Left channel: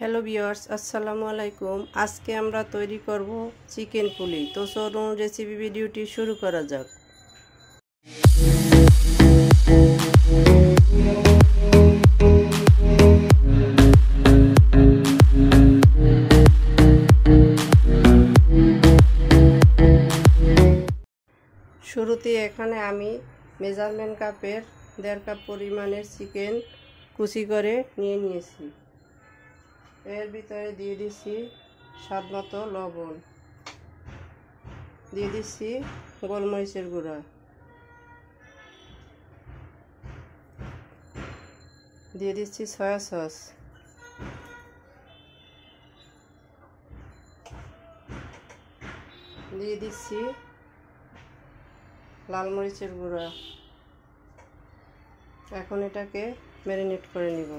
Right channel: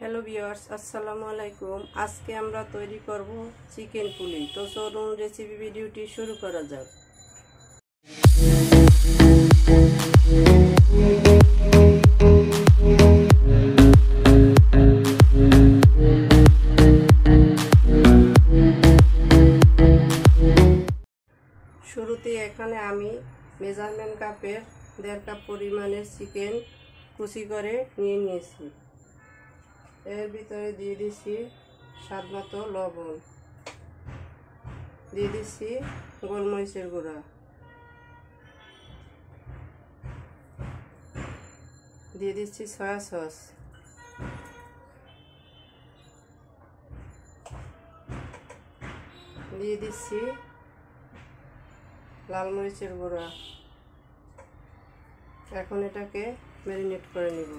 Hello viewers, আসসালামু আলাইকুম। আজকে আমরা তৈরি করব চিকেন পুলি। তো চলুন রেসিপি ভিডিওটি শুরু করা যাক। শুরুতে এখানে আমি মেজারমেন্ট কাপের 1.5 কাপ পরিমাণের চিকেন কুচি করে নিয়ে নিয়েছি। এর ভিতরে দিয়ে দিচ্ছি স্বাদমতো লবণ, দিয়ে দিচ্ছি গোলমরিচের গুঁড়া, দিয়ে দিচ্ছি সয়া সস, দিয়ে দিচ্ছি লাল মরিচের গুঁড়া। এখন এটাকে ম্যারিনেট করে নিব।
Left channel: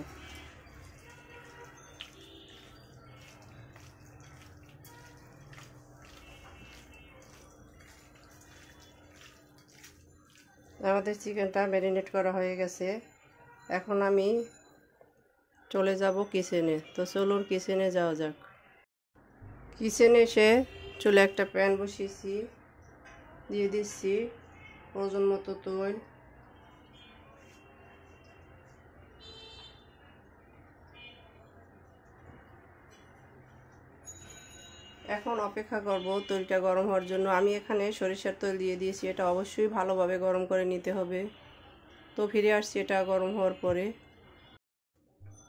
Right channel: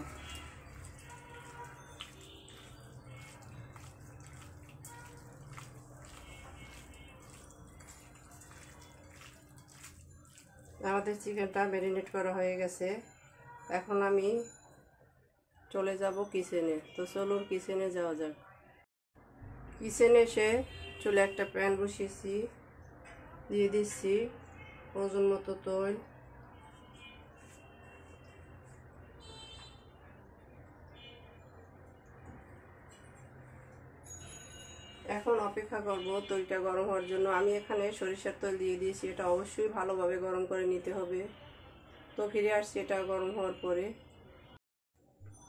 আমাদের চিকেনটা ম্যারিনেট করা হয়ে গেছে। এখন আমি চলে যাব কিচেনে। তো চলুন কিচেনে যাওয়া যাক। কিচেনে এসে চুলে একটা প্যান বসিয়েছি, দিয়ে দিচ্ছি ওজন মতো তেল, এখন অপেক্ষা করব তেলটা গরম হওয়ার জন্য। আমি এখানে সরিষার তেল দিয়ে দিয়েছি, এটা অবশ্যই ভালোভাবে গরম করে নিতে হবে। তো ফিরে আসছি এটা গরম হওয়ার পরে।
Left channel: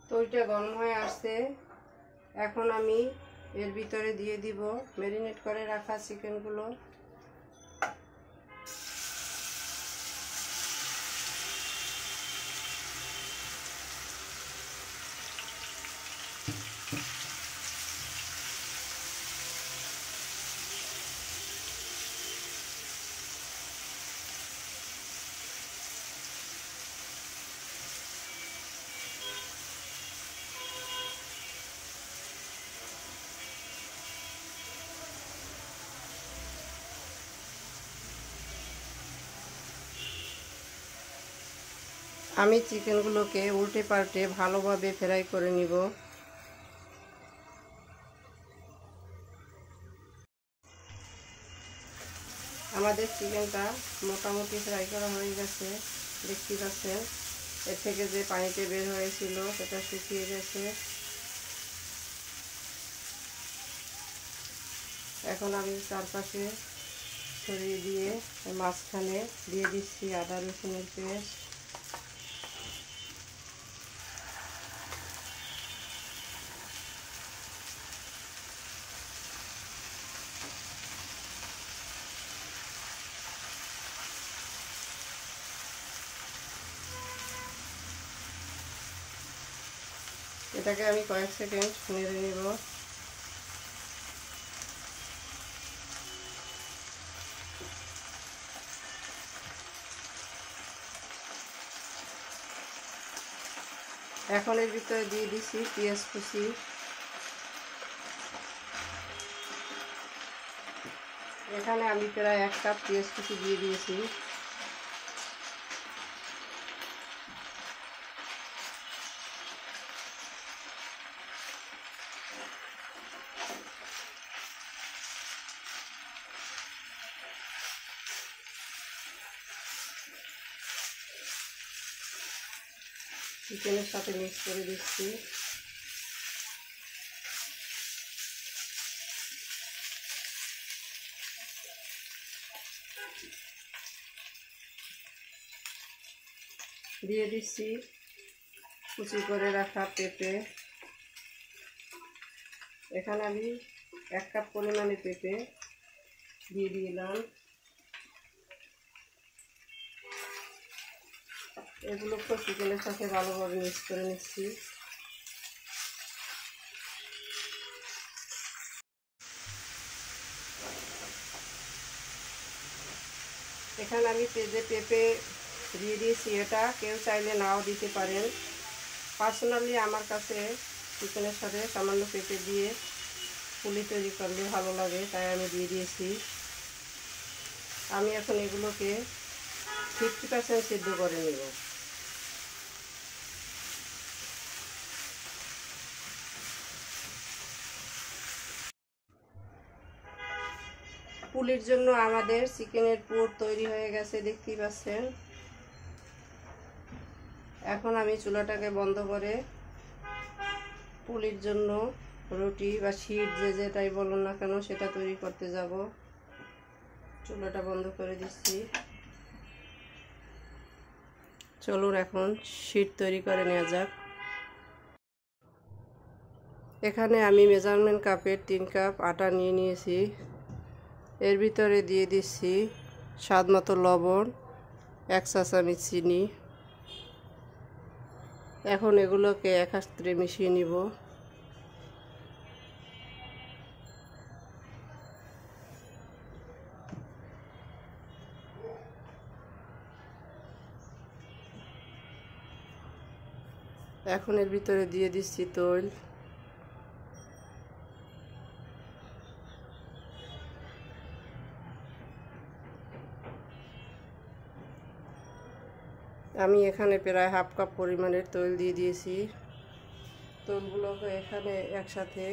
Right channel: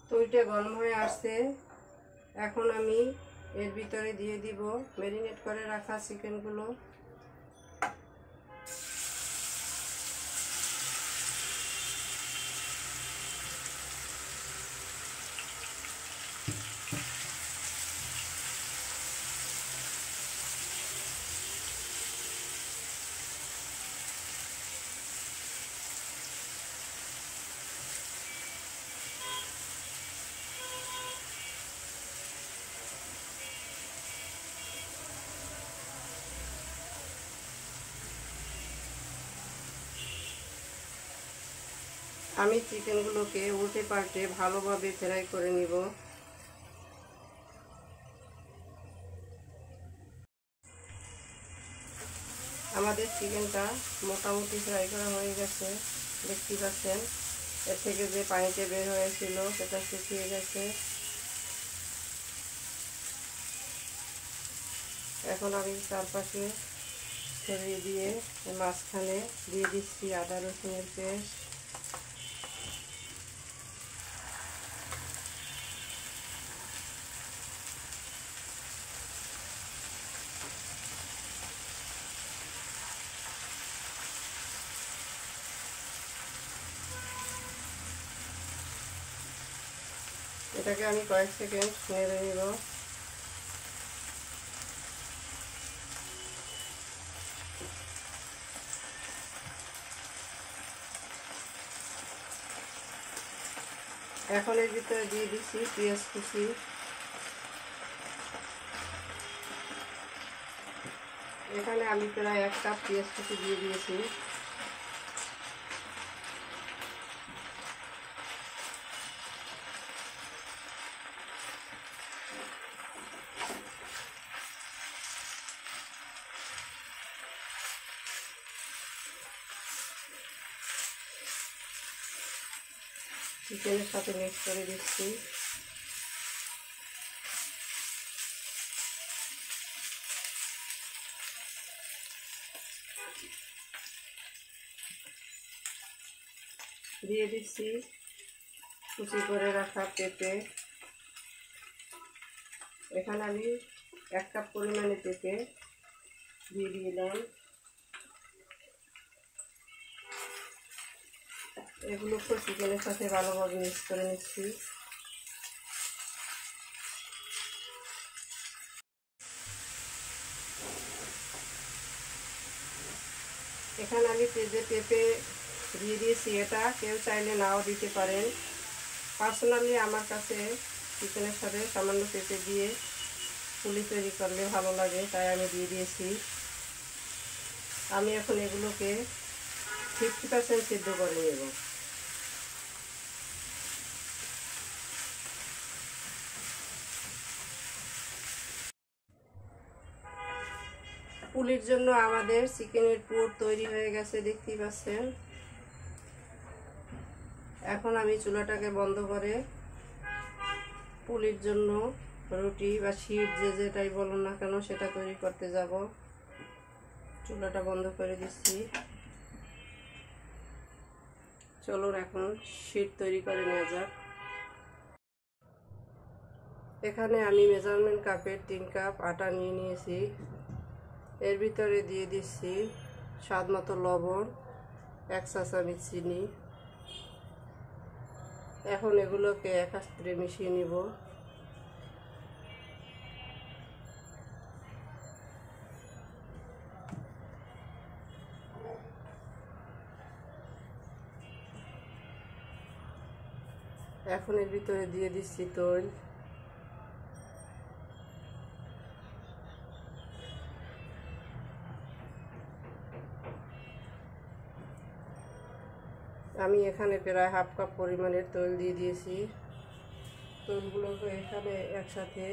তেলটা গরম হয়ে আসছে, এখন আমি এর ভিতরে দিয়ে দিব ম্যারিনেট করে রাখা চিকেনগুলো। আমি চিকেনগুলোকে উল্টে পাল্টে ভালোভাবে ফ্রাই করে নিব। আমাদের চিকেনটা মোটামুটি ফ্রাই করা হয়ে গেছে, দেখতে পাচ্ছেন। এর থেকে যে পানিতে বের হয়েছিল সেটা শুকিয়ে গেছে। এখন আমি চারপাশে ছড়িয়ে দিয়ে মাঝখানে দিয়ে দিচ্ছি আদা রসুনের পেস্ট, এটাকে আমি কয়েক সেকেন্ড নেড়ে নিব। এখন এর ভিতরে দিয়ে দিচ্ছি পেঁয়াজ কুচি, এখানে আমি প্রায় 1 কাপ পেঁয়াজ কুচি দিয়ে দিয়েছি। চিকেনের সাথে মিক্স করে দিচ্ছি। দিয়ে দিচ্ছি কুচি করে রাখা পেঁপে, এখানে আমি 1 কাপ পরিমাণে পেঁপে দিয়ে দিলাম। এগুলোকে চিকেনের সাথে ভালোভাবে মিক্স করে নিচ্ছি। এখানে আমি যে পেঁপে দিয়ে দিয়েছি, এটা কেউ চাইলে নাও দিতে পারেন। পার্সোনালি আমার কাছে চিকেনের সাথে সামান্য পেঁপে দিয়ে পুলি তৈরি করলে ভালো লাগে, তাই আমি দিয়ে দিয়েছি। আমি এখন এগুলোকে 50% সিদ্ধ করে নেব। এখানে আমি 1 কাপ পুলির জন্য আমাদের চিকেনের পুর তৈরি হয়ে গেছে, দেখতেই পাচ্ছেন। এখন আমি চুলাটাকে বন্ধ করে পুলির জন্য রুটি বা শীট যে যেটাই বলুন না কেন সেটা তৈরি করতে যাব। চুলাটা বন্ধ করে দিচ্ছি। চলুন এখন শীট তৈরি করে নেওয়া যাক। এখানে আমি মেজারমেন্ট কাপের 3 কাপ আটা নিয়ে নিয়েছি। এর ভিতরে দিয়ে দিচ্ছি স্বাদ মতো লবণ, 1 চা চামচ চিনি। এখন এগুলোকে একসাথে মিশিয়ে নিব। এখন এর ভিতরে দিয়ে দিচ্ছি তৈল। আমি এখানে প্রায় হাফ কাপ পরিমাণের তৈল দিয়ে দিয়েছি। তৈলগুলোকে এখানে একসাথে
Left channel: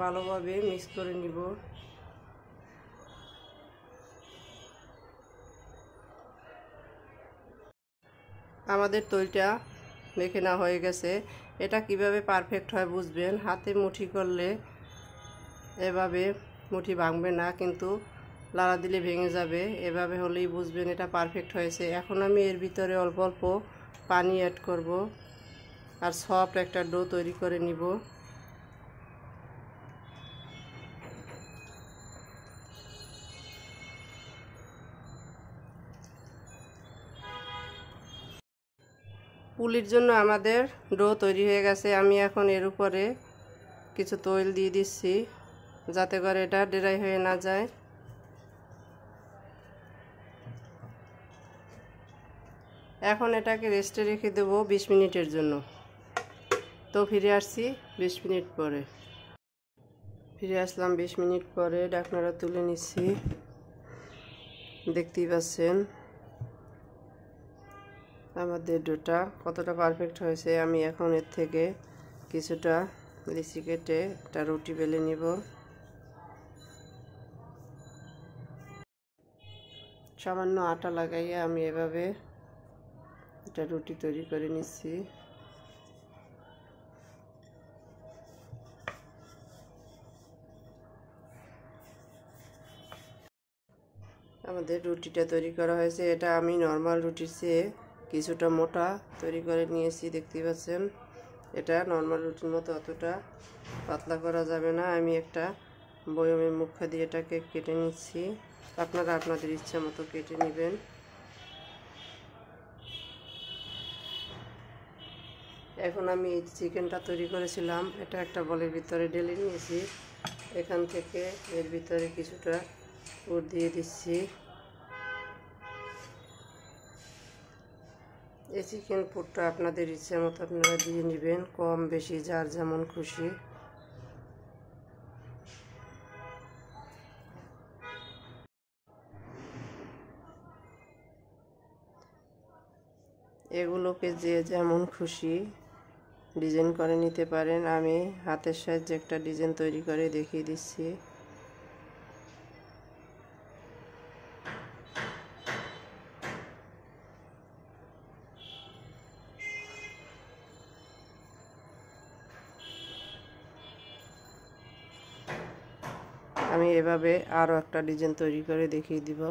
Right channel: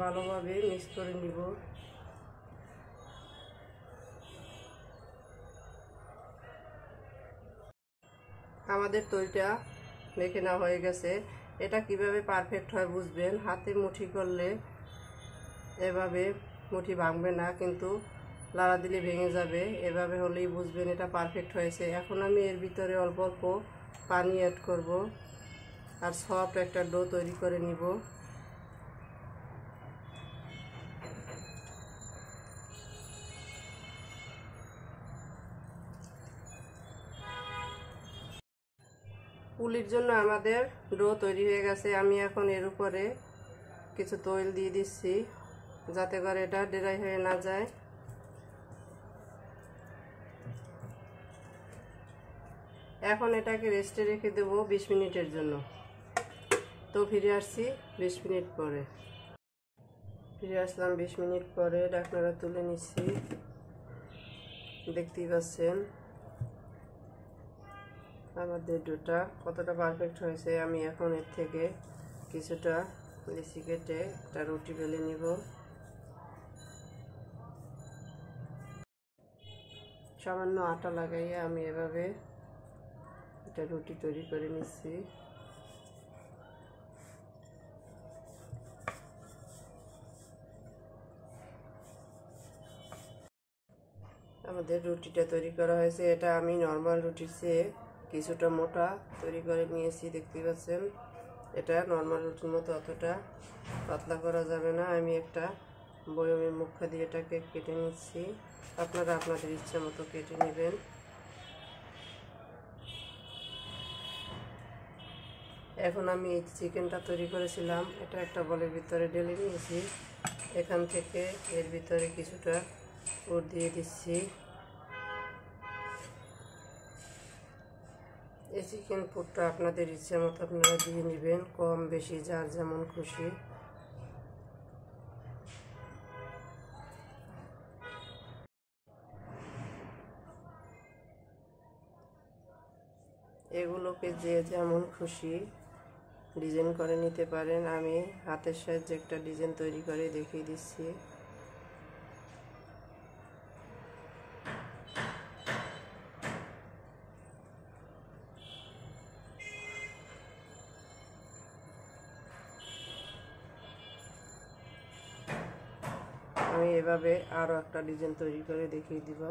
ভালোভাবে মিক্স করে নিব। আমাদের তৈলটা মেখে না হয়ে গেছে। এটা কিভাবে পারফেক্ট হয় বুঝবেন, হাতে মুঠি করলে এভাবে মুঠি ভাঙবে না, কিন্তু লাড়া দিলে ভেঙে যাবে। এভাবে হলেই বুঝবেন এটা পারফেক্ট হয়েছে। এখন আমি এর ভিতরে অল্প অল্প পানি অ্যাড করব আর সফট একটা ডো তৈরি করে নিব। পুলির জন্য আমাদের ডো তৈরি হয়ে গেছে। আমি এখন এর উপরে কিছু তৈল দিয়ে দিচ্ছি যাতে করে এটা ড্রাই হয়ে না যায়। এখন এটাকে রেস্টে রেখে দেবো 20 মিনিটের জন্য। তো ফিরে আসছি 20 মিনিট পরে। ফিরে আসলাম 20 মিনিট পরে। ঢাকনাটা তুলে নিচ্ছি। দেখতেই পাচ্ছেন আমাদের ডোটা কতটা পারফেক্ট হয়েছে। আমি এখন এর থেকে কিছুটা লিচি কেটে একটা রুটি বেলে নিব। সামান্য আটা লাগাইয়ে আমি এভাবে একটা রুটি তৈরি করে নিচ্ছি। আমাদের রুটিটা তৈরি করা হয়েছে। এটা আমি নর্মাল রুটির চেয়ে কিছুটা মোটা তৈরি করে নিয়েছি, দেখতে পাচ্ছেন। এটা নর্মাল রুটির মতো অতটা পাতলা করা যাবে না। আমি একটা বয়মের মুখা দিয়ে এটাকে কেটে নিচ্ছি। আপনারা আপনাদের ইচ্ছা মতো কেটে নেবেন। এখন আমি চিকেনটা তৈরি করেছিলাম এটা একটা বলের ভিতরে ঢেলে নিয়েছি। এখান থেকে এর ভিতরে কিছুটা পুর দিয়ে দিচ্ছি। এই চিকেন পুরটা আপনাদের ইচ্ছে মতো আপনারা দিয়ে নেবেন, কম বেশি যার যেমন খুশি। এগুলোকে যে যেমন খুশি ডিজাইন করে নিতে পারেন। আমি হাতের সাহায্যে একটা ডিজাইন তৈরি করে দেখিয়ে দিচ্ছি। আমি এভাবে আরও একটা ডিজাইন তৈরি করে দেখিয়ে দিব।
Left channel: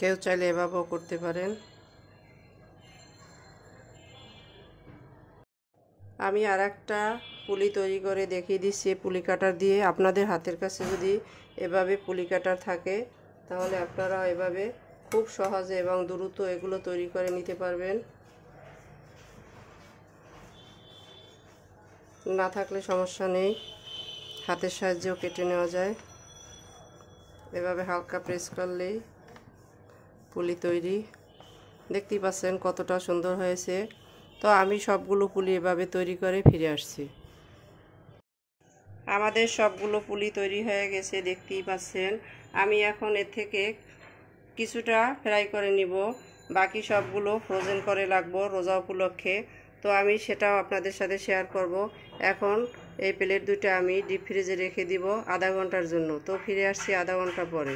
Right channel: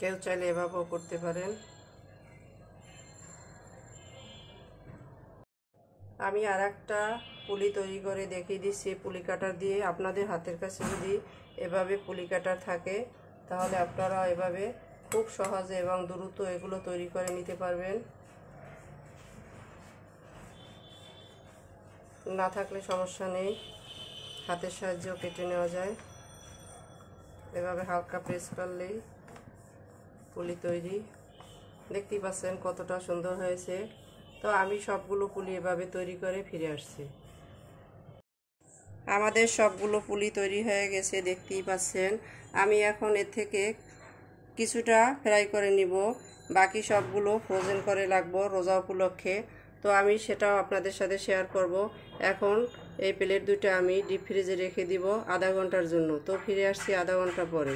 কেউ চাইলে এভাবেও করতে পারেন। আমি আর একটা পুলি তৈরি করে দেখিয়ে দিচ্ছি পুলি কাটার দিয়ে। আপনাদের হাতের কাছে যদি এভাবে পুলি কাটার থাকে তাহলে আপনারা এভাবে খুব সহজে এবং দ্রুত এগুলো তৈরি করে নিতে পারবেন। না থাকলে সমস্যা নেই, হাতের সাহায্যেও কেটে নেওয়া যায়। এভাবে হালকা প্রেস করলেই পুলি তৈরি। দেখতেই পাচ্ছেন কতটা সুন্দর হয়েছে। তো আমি সবগুলো পুলি এভাবে তৈরি করে ফিরে আসছি। আমাদের সবগুলো পুলি তৈরি হয়ে গেছে, দেখতেই পাচ্ছেন। আমি এখন এর থেকে কিছুটা ফ্রাই করে নিব, বাকি সবগুলো ফ্রোজেন করে রাখবো রোজা উপলক্ষে। তো আমি সেটাও আপনাদের সাথে শেয়ার করব। এখন এই প্লেট দুটো আমি ডিপ ফ্রিজে রেখে দিব আধা ঘন্টার জন্য। তো ফিরে আসছি আধা ঘন্টা পরে।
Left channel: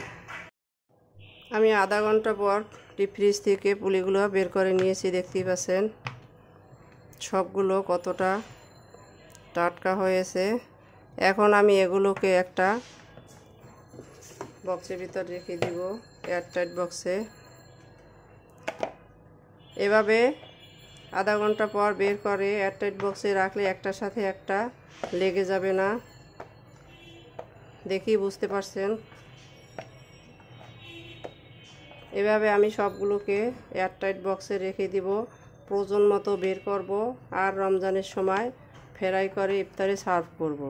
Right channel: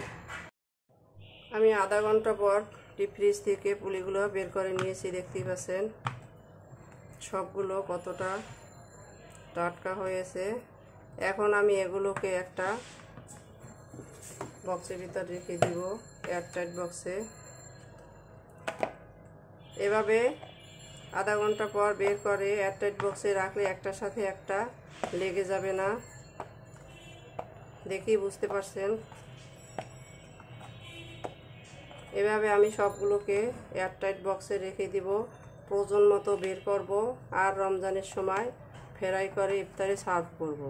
আমি আধা ঘন্টা পর ডিপ ফ্রিজ থেকে পুলিগুলো বের করে নিয়েছি, দেখতেই পাচ্ছেন সবগুলো কতটা টাটকা হয়েছে। এখন আমি এগুলোকে একটা বক্সের ভিতর রেখে দিব, এয়ারটাইট বক্সে। এভাবে আধা ঘন্টা পর বের করে এয়ারটাইট বক্সে রাখলে একটার সাথে একটা লেগে যাবে না, দেখেই বুঝতে পারছেন। এভাবে আমি সবগুলোকে এয়ারটাইট বক্সে রেখে দিব, প্রয়োজন মতো বের করব আর রমজানের সময় ফ্রাই করে ইফতারে সার্ভ করব।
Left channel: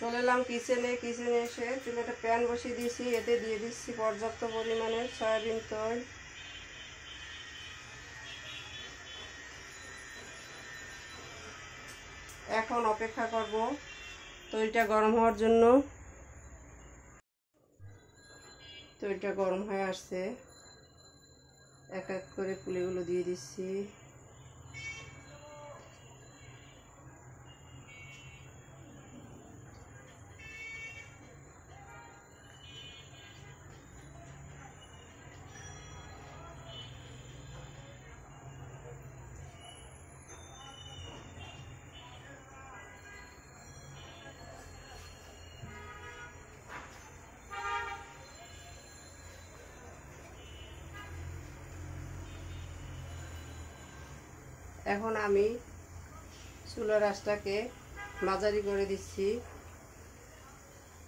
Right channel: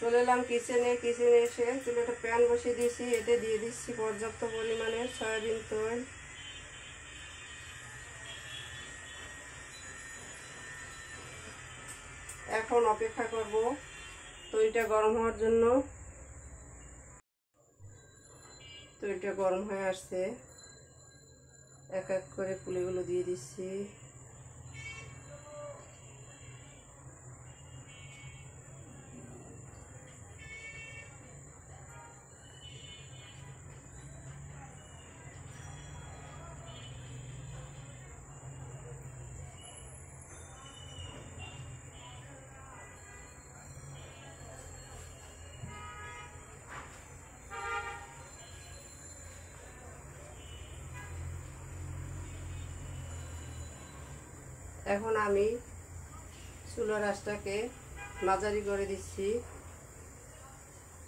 চলে এলাম কিচেনে এসে চুলে একটা প্যান বসিয়ে দিয়েছি, এতে দিয়ে দিচ্ছি পর্যাপ্ত পরিমাণে সয়াবিন তেল। এখন অপেক্ষা করব তৈলটা গরম হওয়ার জন্য। তৈলটা গরম হয়ে আসছে, এক এক করে পুলিগুলো দিয়ে দিচ্ছি। এখন আমি চুলার আঁচটাকে মাঝারি করে দিচ্ছি।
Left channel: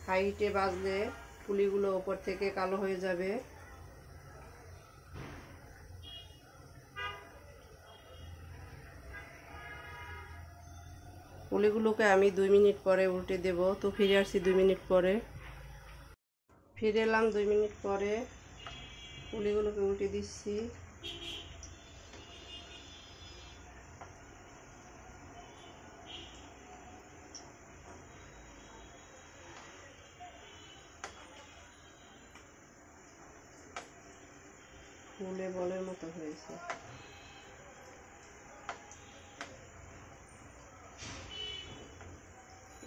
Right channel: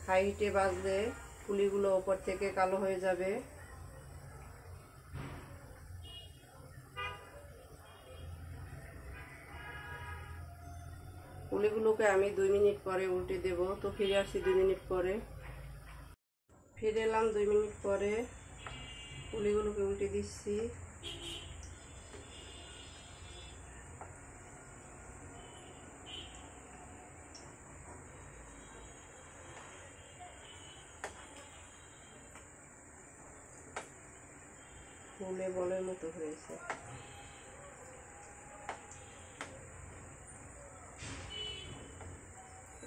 হাই হিটে ভাজলে পুলিগুলো ওপর থেকে কালো হয়ে যাবে। পুলিগুলোকে আমি 2 মিনিট পরে উল্টে দেব। তো ফিরে আসছি 2 মিনিট পরে। ফিরে এলাম 2 মিনিট পরে, পুলিগুলোকে উল্টে দিচ্ছি। ফুলে বলের মতো হয়েছে।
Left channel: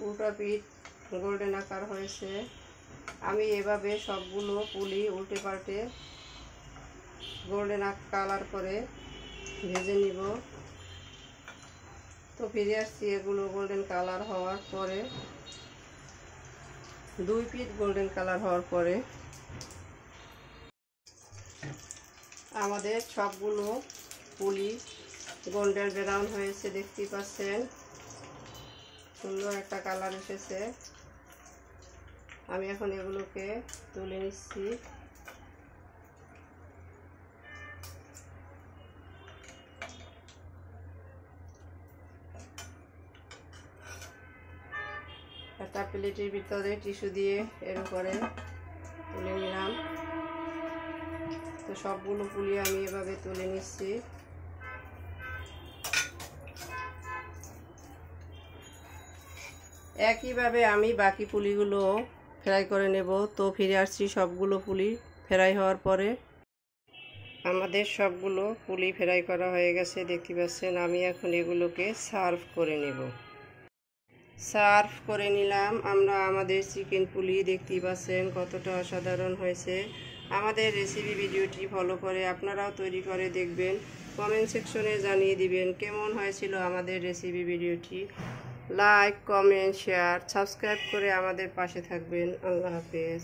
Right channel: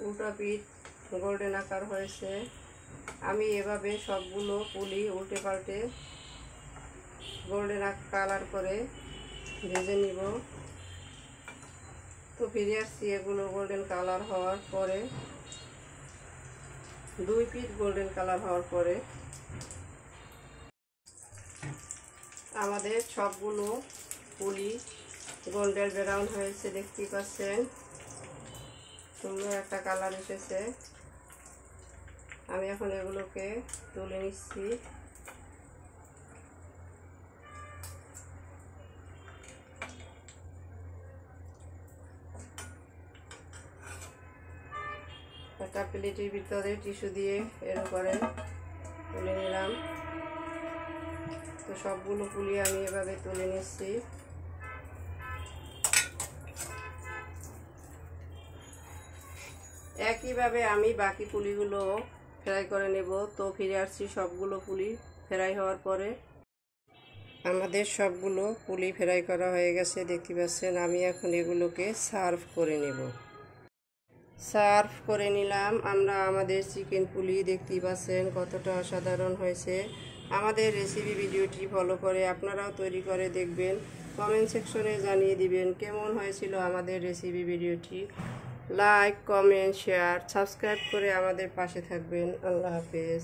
উল্টা পিঠ গোল্ডেন আকার হয়েছে। আমি এভাবে সবগুলো পুলি উল্টে পাল্টে গোল্ডেন কালার করে ভেজে নিব। তো ফিরে আসছি এগুলো গোল্ডেন কালার হওয়ার পরে, 2 পিঠ গোল্ডেন কালার হওয়ার পরে আমাদের সবগুলো পুলি গোল্ডেন ব্রাউন হয়েছে, দেখতেই পাচ্ছেন সুন্দর একটা কালার এসেছে। আমি এখন এগুলোকে তুলে নিচ্ছি। একটা প্লেটের ভিতরে টিস্যু দিয়ে এর উপরে তুলে নিলাম। তো সবগুলো পুলি আমি এভাবে তুলে নিচ্ছি। একইভাবে আমি বাকি পুলিগুলো ফ্রাই করে নেব। তো ফিরে আসছি সবগুলো পুলি ফ্রাই হওয়ার পরে। আমাদের সবগুলো পুলি ফ্রাই করা হয়ে গেছে, দেখতে পাচ্ছেন। আমি এখন এগুলোকে সার্ভ করে নেব। সার্ভ করে নিলাম আমরা আমাদের চিকেন পুলি, দেখতেই পাচ্ছেন কতটা অসাধারণ হয়েছে। আমাদের রেসিপি ভিডিওটি ফলো করে আপনারাও তৈরি করে দেখবেন। কমেন্ট সেকশনে জানিয়ে দিবেন কেমন হয়েছিল আমাদের রেসিপি ভিডিওটি। লাইক, কমেন্ট, শেয়ার, সাবস্ক্রাইব করে আমাদের পাশে থাকবেন। আল্লাহ হাফেজ।